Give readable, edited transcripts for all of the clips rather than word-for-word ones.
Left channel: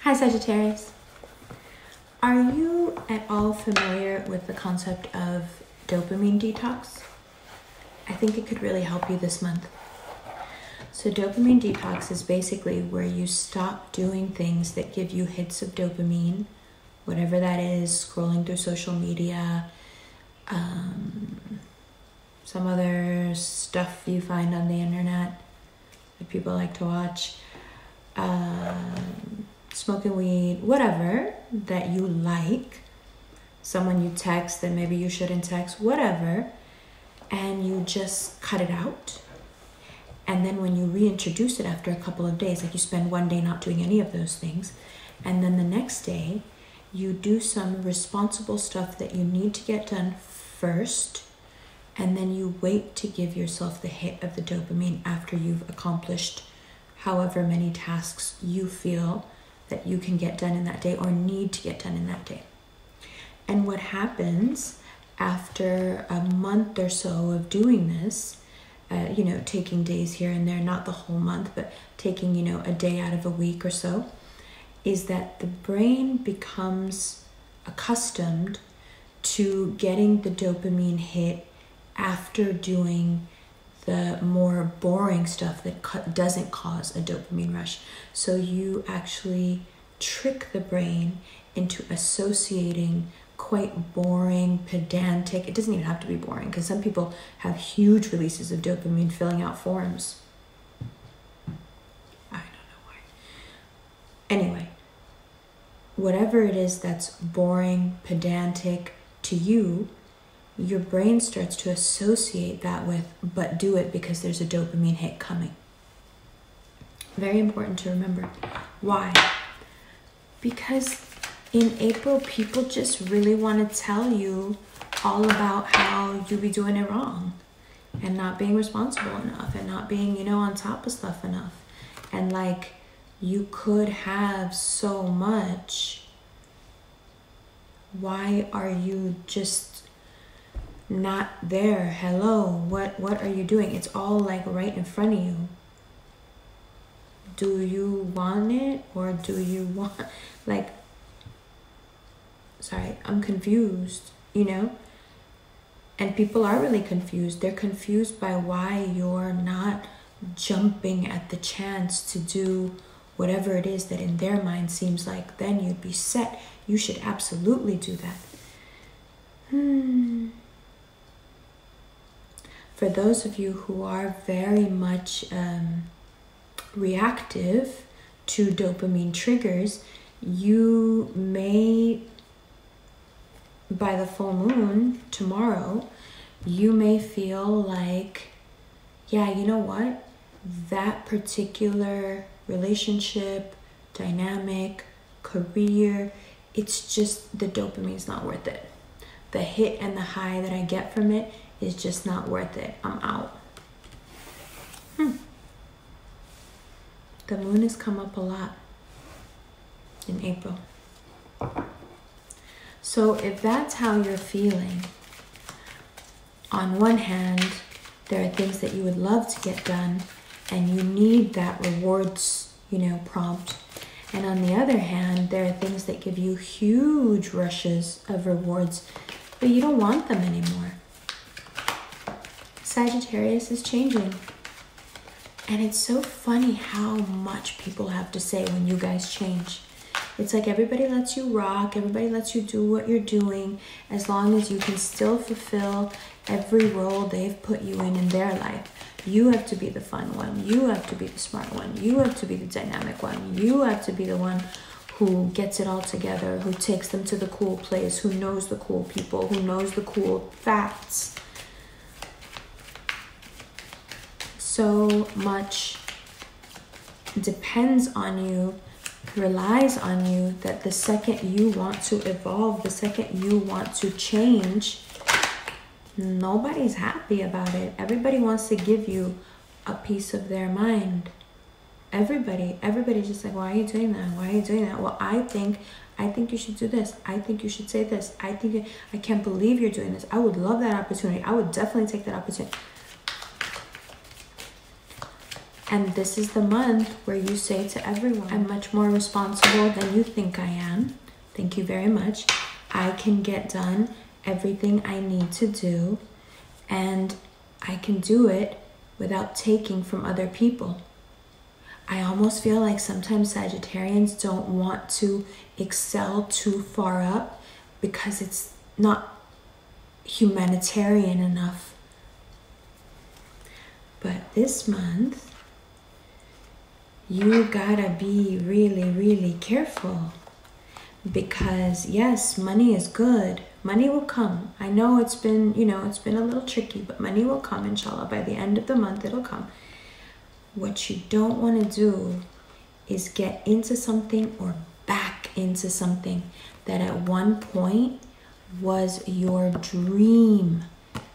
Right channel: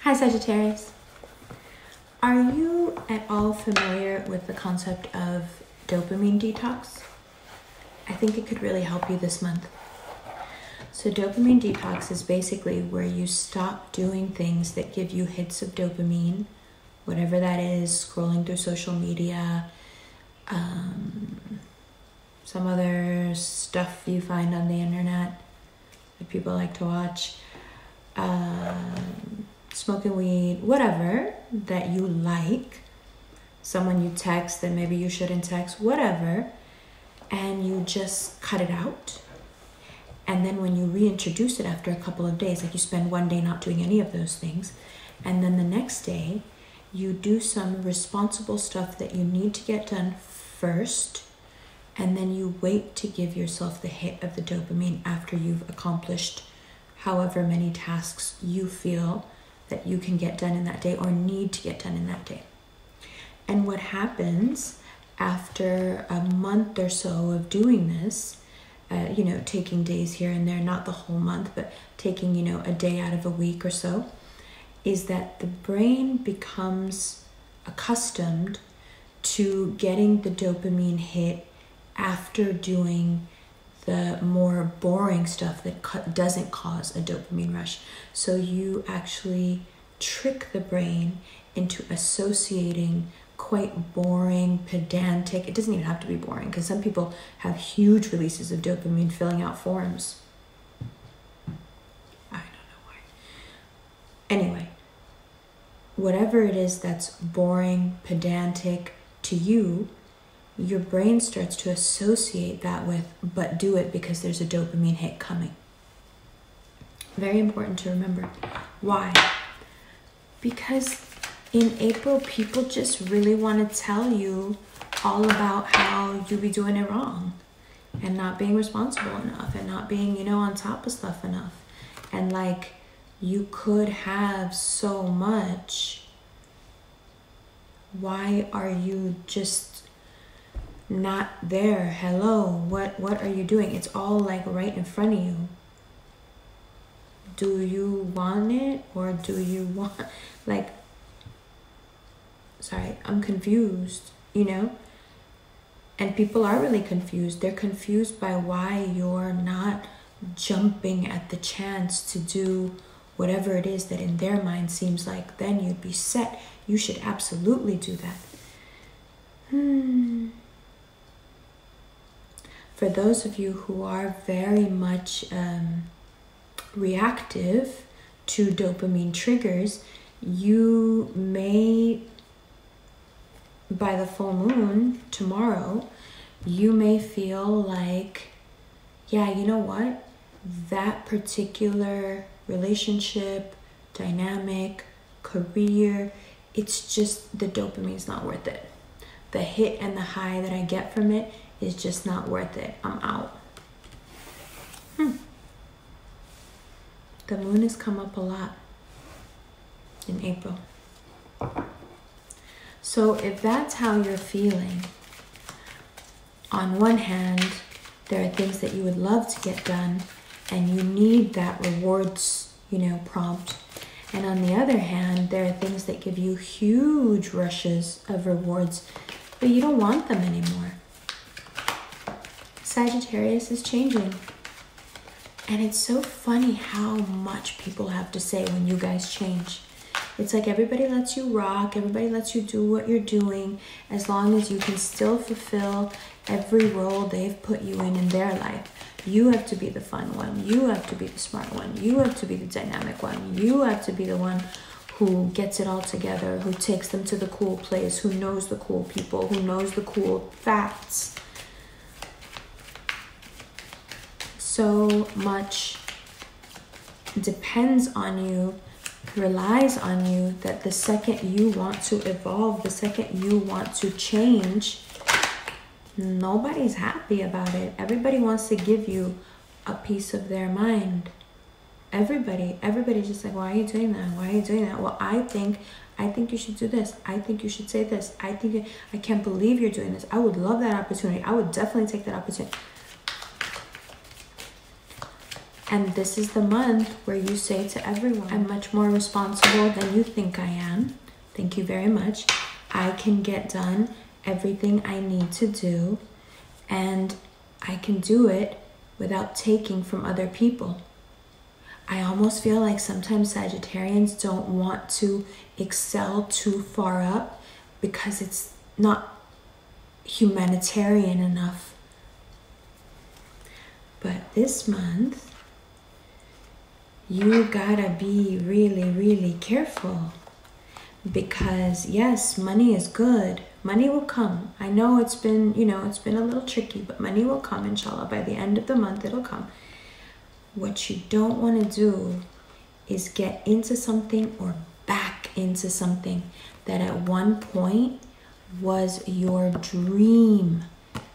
Hi Sagittarius. Are you at all familiar with the concept of dopamine detox? I think it could really help you this month. So dopamine detox is basically where you stop doing things that give you hits of dopamine, whatever that is, scrolling through social media, some other stuff you find on the internet that people like to watch, smoking weed, whatever that you like, someone you text that maybe you shouldn't text, whatever, and you just cut it out. And then when you reintroduce it after a couple of days, like you spend one day not doing any of those things, and then the next day you do some responsible stuff that you need to get done first, and then you wait to give yourself the hit of the dopamine after you've accomplished however many tasks you feel that you can get done in that day or need to get done in that day. And what happens after a month or so of doing this, taking days here and there, not the whole month, but taking, a day out of a week or so, is that the brain becomes accustomed to getting the dopamine hit after doing the more boring stuff that doesn't cause a dopamine rush. So you actually trick the brain into associating quite boring, pedantic. It doesn't even have to be boring, because some people have huge releases of dopamine filling out forms. I don't know why. Anyway, whatever it is that's boring, pedantic to you, your brain starts to associate that with, but do it because there's a dopamine hit coming. Very important to remember. Why? Because in April, people just really want to tell you all about how you be doing it wrong and not being responsible enough and not being, on top of stuff enough. And like, you could have so much. Why are you just not there? Hello, what are you doing? It's all like right in front of you. Do you want it, or do you want, sorry, I'm confused, and people are really confused. They're confused by why you're not jumping at the chance to do whatever it is that in their mind seems like then you'd be set. You should absolutely do that. For those of you who are very much reactive to dopamine triggers, you may, by the full moon tomorrow, you may feel like, yeah, you know what? That particular relationship, dynamic, career, it's just the dopamine's not worth it. The hit and the high that I get from it is just not worth it. I'm out. The moon has come up a lot in April. So if that's how you're feeling, on one hand, there are things that you would love to get done and you need that rewards, prompt. And on the other hand, there are things that give you huge rushes of rewards, but you don't want them anymore. Sagittarius is changing. And it's so funny how much people have to say when you guys change. It's like everybody lets you rock, everybody lets you do what you're doing, as long as you can still fulfill every role they've put you in their life. You have to be the fun one. You have to be the smart one. You have to be the dynamic one. You have to be the one who gets it all together, who takes them to the cool place, who knows the cool people, who knows the cool facts. So much depends on you, relies on you, that the second you want to evolve, the second you want to change, nobody's happy about it. Everybody wants to give you a piece of their mind. Everybody's just like, why are you doing that? Why are you doing that? Well, I think you should do this. I think you should say this. I can't believe you're doing this. I would love that opportunity. I would definitely take that opportunity. And this is the month where you say to everyone, I'm much more responsible than you think I am. Thank you very much. I can get done everything I need to do, and I can do it without taking from other people. I almost feel like sometimes Sagittarians don't want to excel too far up because it's not humanitarian enough. But this month, you gotta be really, really careful. Because yes, money is good. Money will come. I know it's been, it's been a little tricky, but money will come, inshallah. By the end of the month, it'll come. What you don't want to do is get into something or back into something that at one point was your dream.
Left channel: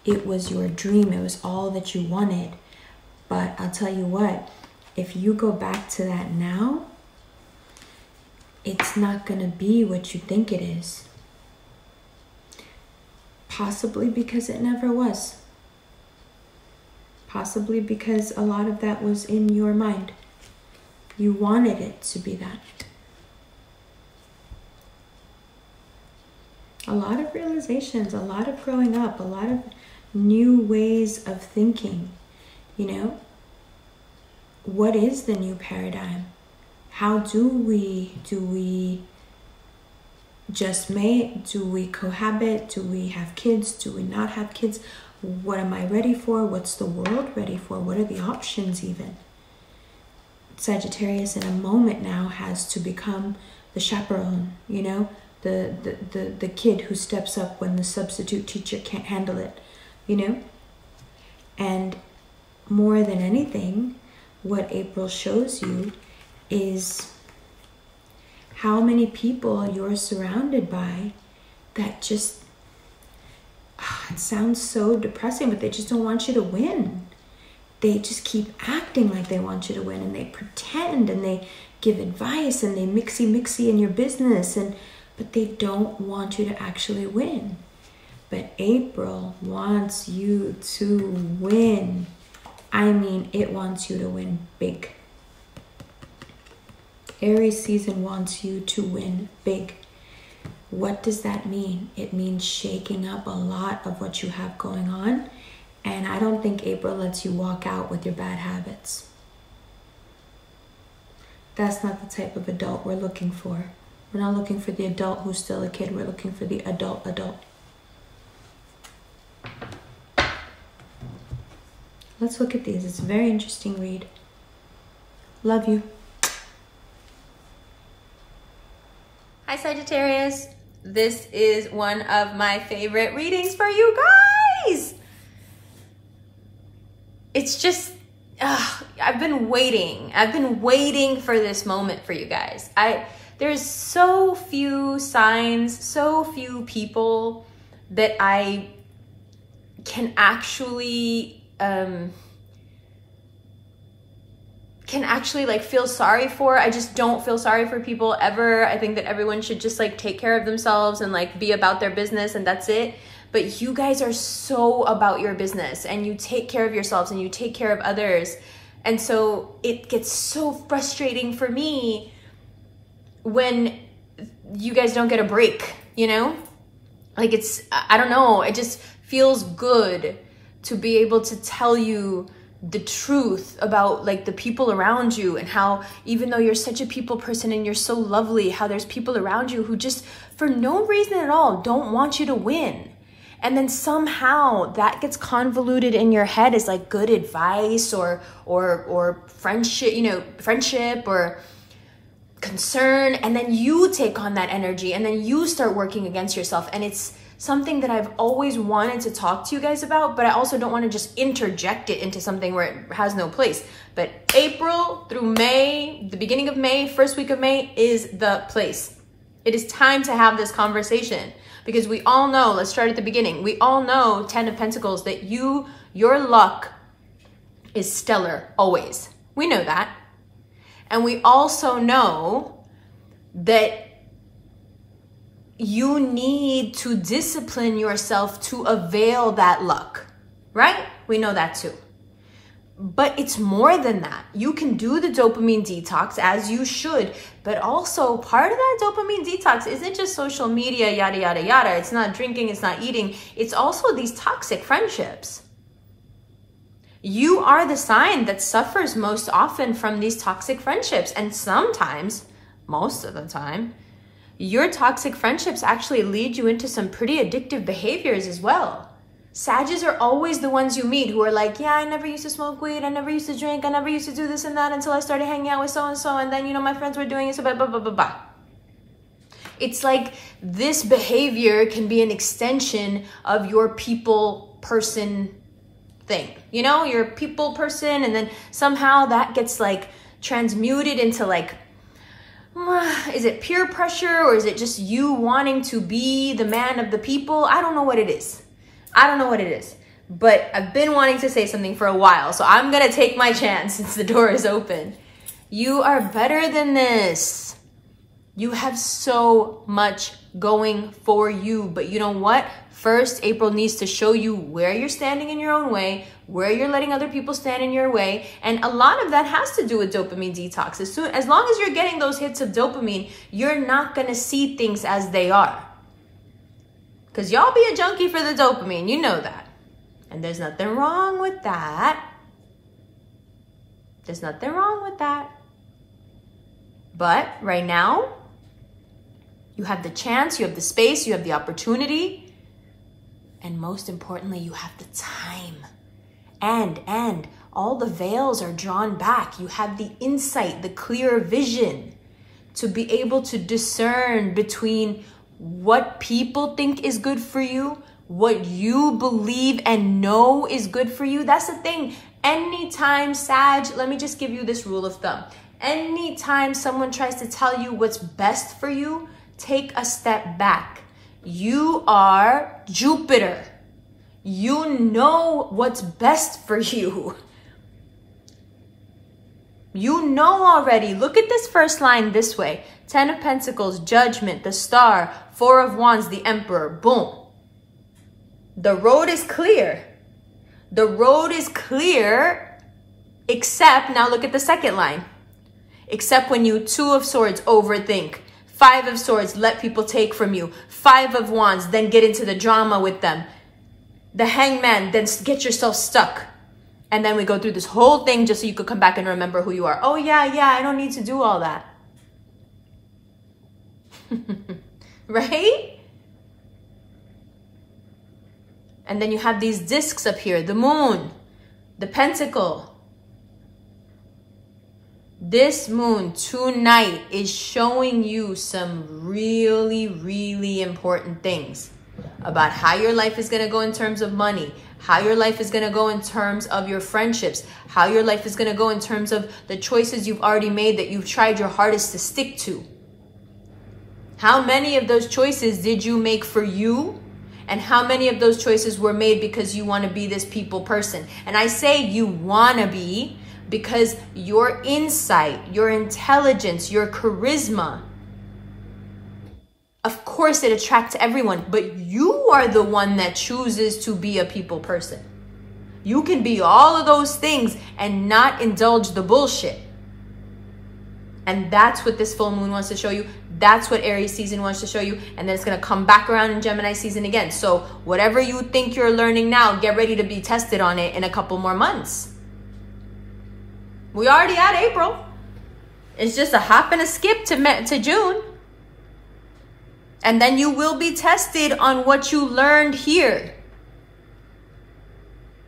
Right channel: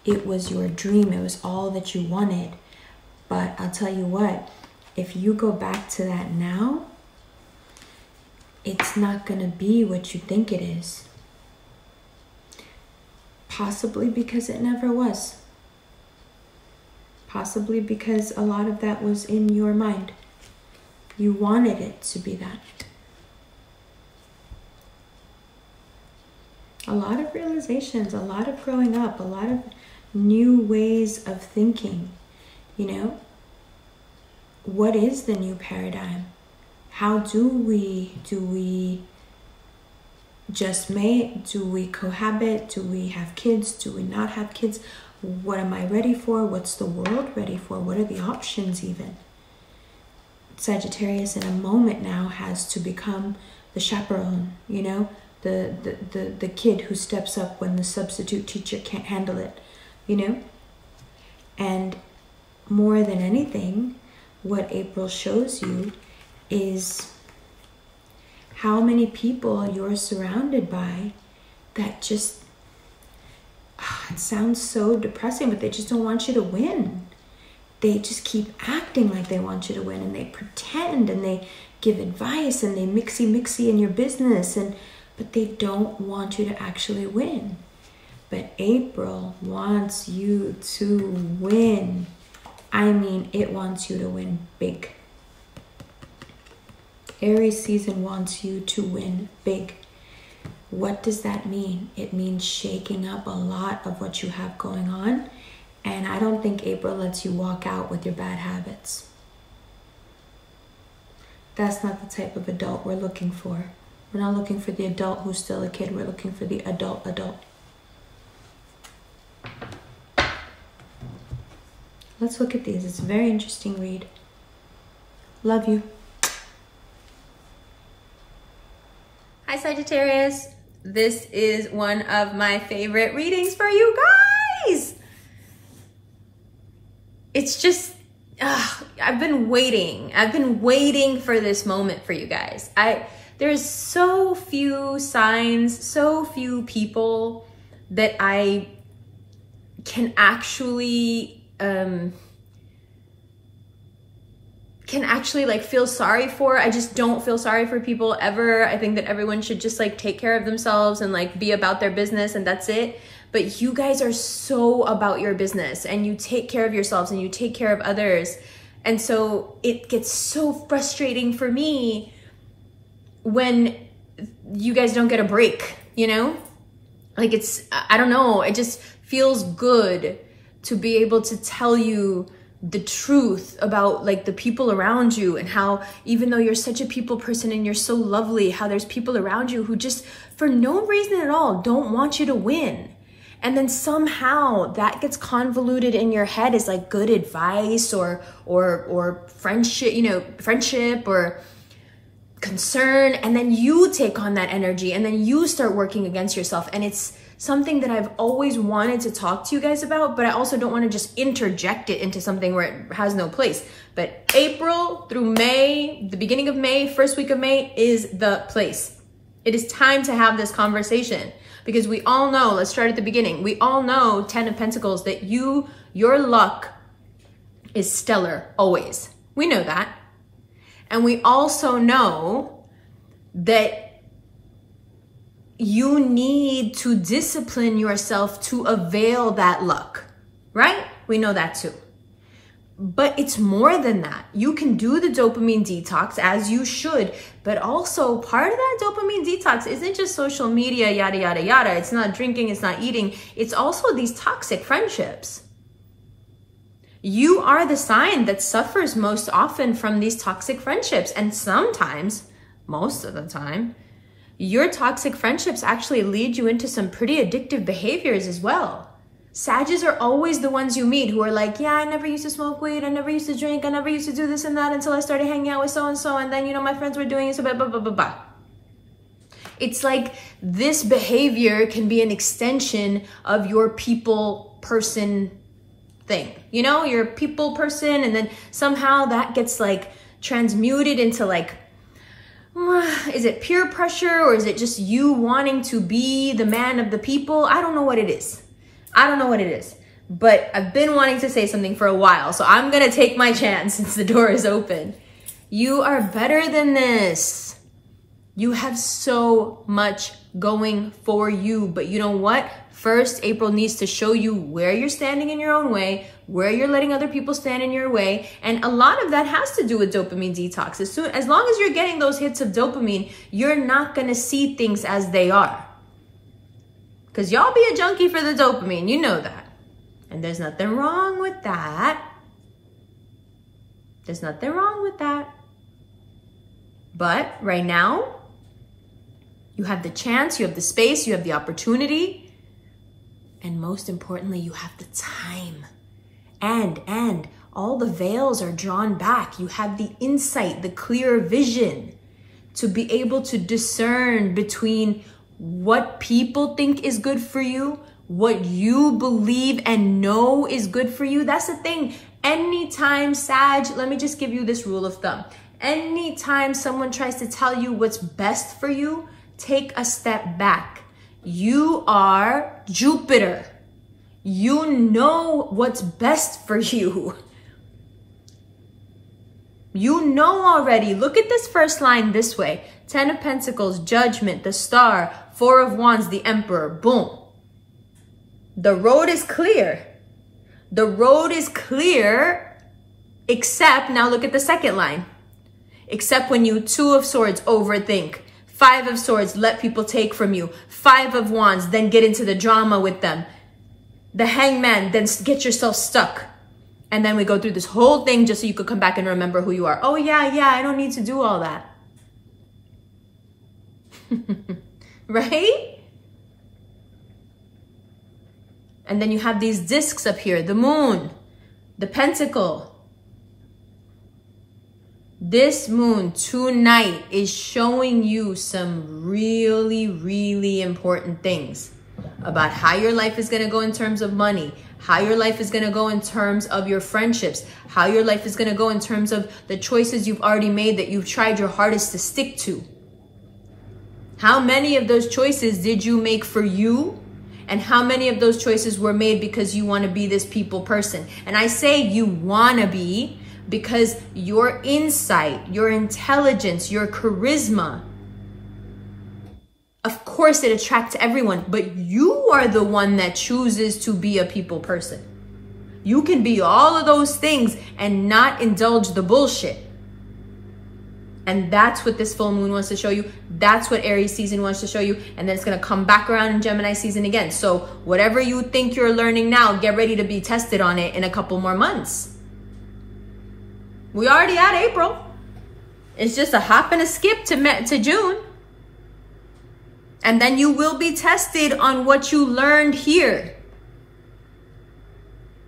It was your dream. It was all that you wanted. But I'll tell you what, if you go back to that now, it's not going to be what you think it is. Possibly because it never was. Possibly because a lot of that was in your mind. You wanted it to be that. A lot of realizations, a lot of growing up, a lot of new ways of thinking. What is the new paradigm? How do we just mate? Do we cohabit? Do we have kids? Do we not have kids? What am I ready for? What's the world ready for? What are the options even? Sagittarius in a moment now has to become the chaperone, the kid who steps up when the substitute teacher can't handle it, And more than anything, what April shows you is how many people you're surrounded by that just, it sounds so depressing, but they just don't want you to win. They just keep acting like they want you to win, and they pretend, and they give advice, and they mixy in your business, but they don't want you to actually win. But April wants you to win. I mean, it wants you to win big. Aries season wants you to win big. What does that mean? It means shaking up a lot of what you have going on. And I don't think April lets you walk out with your bad habits. That's not the type of adult we're looking for. We're not looking for the adult who's still a kid. We're looking for the adult. Let's look at these. It's a very interesting read. Love you. Hi Sagittarius. This is one of my favorite readings for you guys. It's just, I've been waiting for this moment for you guys. There's so few signs, so few people that I can actually like feel sorry for. I just don't feel sorry for people ever. I think that everyone should just like take care of themselves and like be about their business, and that's it. But you guys are so about your business, and you take care of yourselves, and you take care of others. And so it gets so frustrating for me when you guys don't get a break, Like I don't know, it just feels good to be able to tell you the truth about like the people around you, and how even though you're such a people person and you're so lovely, how there's people around you who just for no reason at all don't want you to win. And then somehow that gets convoluted in your head as like good advice or friendship, friendship or concern. And then you take on that energy, and then you start working against yourself. And it's something that I've always wanted to talk to you guys about, but I also don't want to just interject it into something where it has no place. But April through May, the beginning of May, first week of May is the place. It is time to have this conversation, because we all know, let's start at the beginning. We all know, 10 of Pentacles, that your luck is stellar always. We know that. And we also know that you need to discipline yourself to avail that luck, right? We know that too. But it's more than that. You can do the dopamine detox as you should, but also part of that dopamine detox isn't just social media, yada, yada, yada. It's not drinking, it's not eating. It's also these toxic friendships. You are the sign that suffers most often from these toxic friendships. And sometimes, most of the time, your toxic friendships actually lead you into some pretty addictive behaviors as well. Sages are always the ones you meet who are like, yeah, I never used to smoke weed. I never used to drink. I never used to do this and that until I started hanging out with so-and-so. And then, you know, my friends were doing it, so blah, blah, blah, blah, blah. It's like this behavior can be an extension of your people person thing. You know, you're a people person, and then somehow that gets like transmuted into like, is it peer pressure, or is it just you wanting to be the man of the people? I don't know what it is. I don't know what it is, but I've been wanting to say something for a while, so I'm gonna take my chance since the door is open. You are better than this. You have so much going for you, but you know what? First, April needs to show you where you're standing in your own way, where you're letting other people stand in your way, and a lot of that has to do with dopamine detox. As long as you're getting those hits of dopamine, you're not gonna see things as they are. Because y'all be a junkie for the dopamine, you know that. And there's nothing wrong with that. There's nothing wrong with that. But right now, you have the chance, you have the space, you have the opportunity, and most importantly, you have the time. And all the veils are drawn back. You have the insight, the clear vision to be able to discern between what people think is good for you, what you believe and know is good for you. That's the thing. Anytime, Sag, let me just give you this rule of thumb. Anytime someone tries to tell you what's best for you, take a step back. You are Jupiter. You know what's best for you. You know already. Look at this first line this way. 10 of Pentacles, Judgment, the Star, 4 of Wands, the Emperor. Boom. The road is clear. The road is clear, except, now look at the second line. Except when you 2 of Swords overthink. 5 of Swords, let people take from you. 5 of Wands, then get into the drama with them. The Hangman, then get yourself stuck. And then we go through this whole thing just so you could come back and remember who you are. Oh yeah, I don't need to do all that. Right? And then you have these discs up here, the moon, the pentacle. This moon tonight is showing you some really, really important things about how your life is going to go in terms of money, how your life is going to go in terms of your friendships, how your life is going to go in terms of the choices you've already made that you've tried your hardest to stick to. How many of those choices did you make for you? And how many of those choices were made because you want to be this people person? And I say you want to be because your insight, your intelligence, your charisma, of course it attracts everyone, but you are the one that chooses to be a people person. You can be all of those things and not indulge the bullshit. And that's what this full moon wants to show you. That's what Aries season wants to show you. And then it's going to come back around in Gemini season again. So whatever you think you're learning now, get ready to be tested on it in a couple more months. We already at April. It's just a hop and a skip to June. And then you will be tested on what you learned here.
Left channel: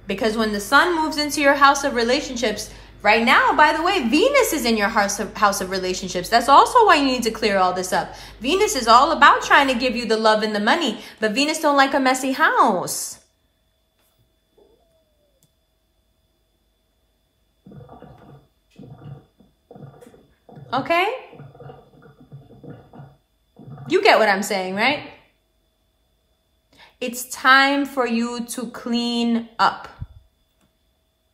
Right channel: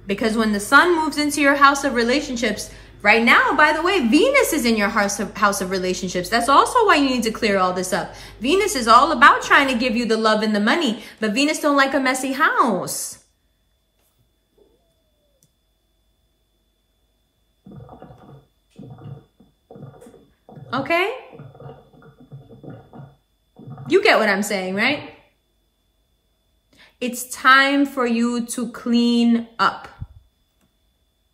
Because when the sun moves into your house of relationships, right now, by the way, Venus is in your house of relationships. That's also why you need to clear all this up. Venus is all about trying to give you the love and the money, but Venus don't like a messy house. Okay? You get what I'm saying, right? It's time for you to clean up.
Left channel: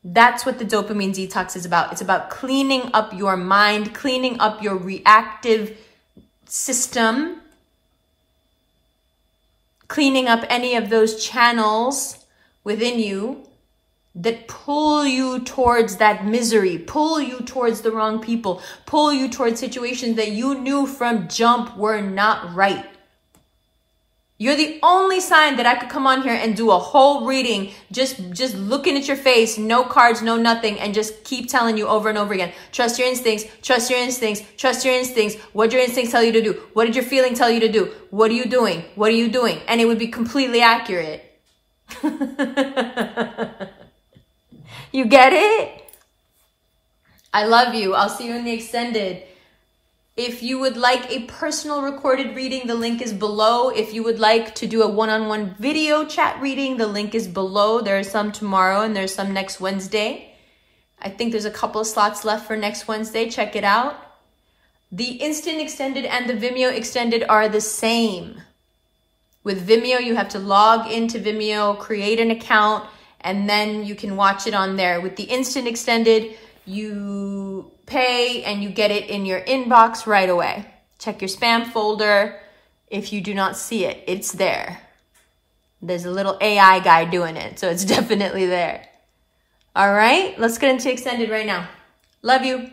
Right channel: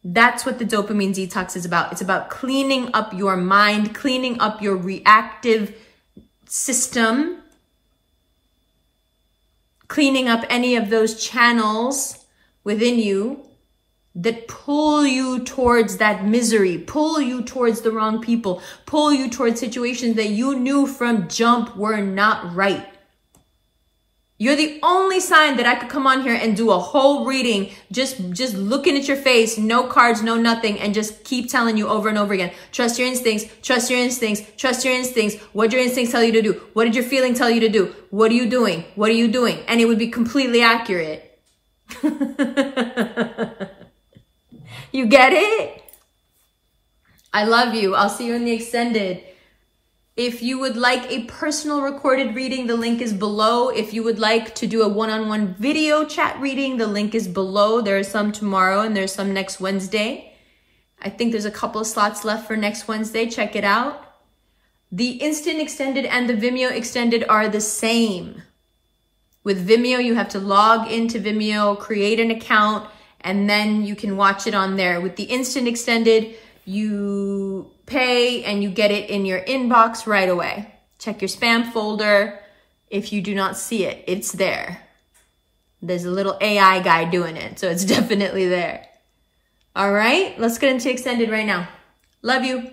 That's what the dopamine detox is about. It's about cleaning up your mind, cleaning up your reactive system, cleaning up any of those channels within you that pull you towards that misery, pull you towards the wrong people, pull you towards situations that you knew from jump were not right. You're the only sign that I could come on here and do a whole reading, just looking at your face, no cards, no nothing, and just keep telling you over and over again, trust your instincts, trust your instincts, trust your instincts. What did your instincts tell you to do? What did your feeling tell you to do? What are you doing? What are you doing? And it would be completely accurate. You get it? I love you. I'll see you in the extended. If you would like a personal recorded reading, the link is below. If you would like to do a one-on-one video chat reading, the link is below. There are some tomorrow and there's some next Wednesday. I think there's a couple of slots left for next Wednesday. Check it out. The Instant Extended and the Vimeo Extended are the same. With Vimeo, you have to log into Vimeo, create an account, and then you can watch it on there. With the Instant Extended, you pay and you get it in your inbox right away. Check your spam folder. If you do not see it, it's there. There's a little AI guy doing it, so it's definitely there. All right, let's get into Extended right now. Love you.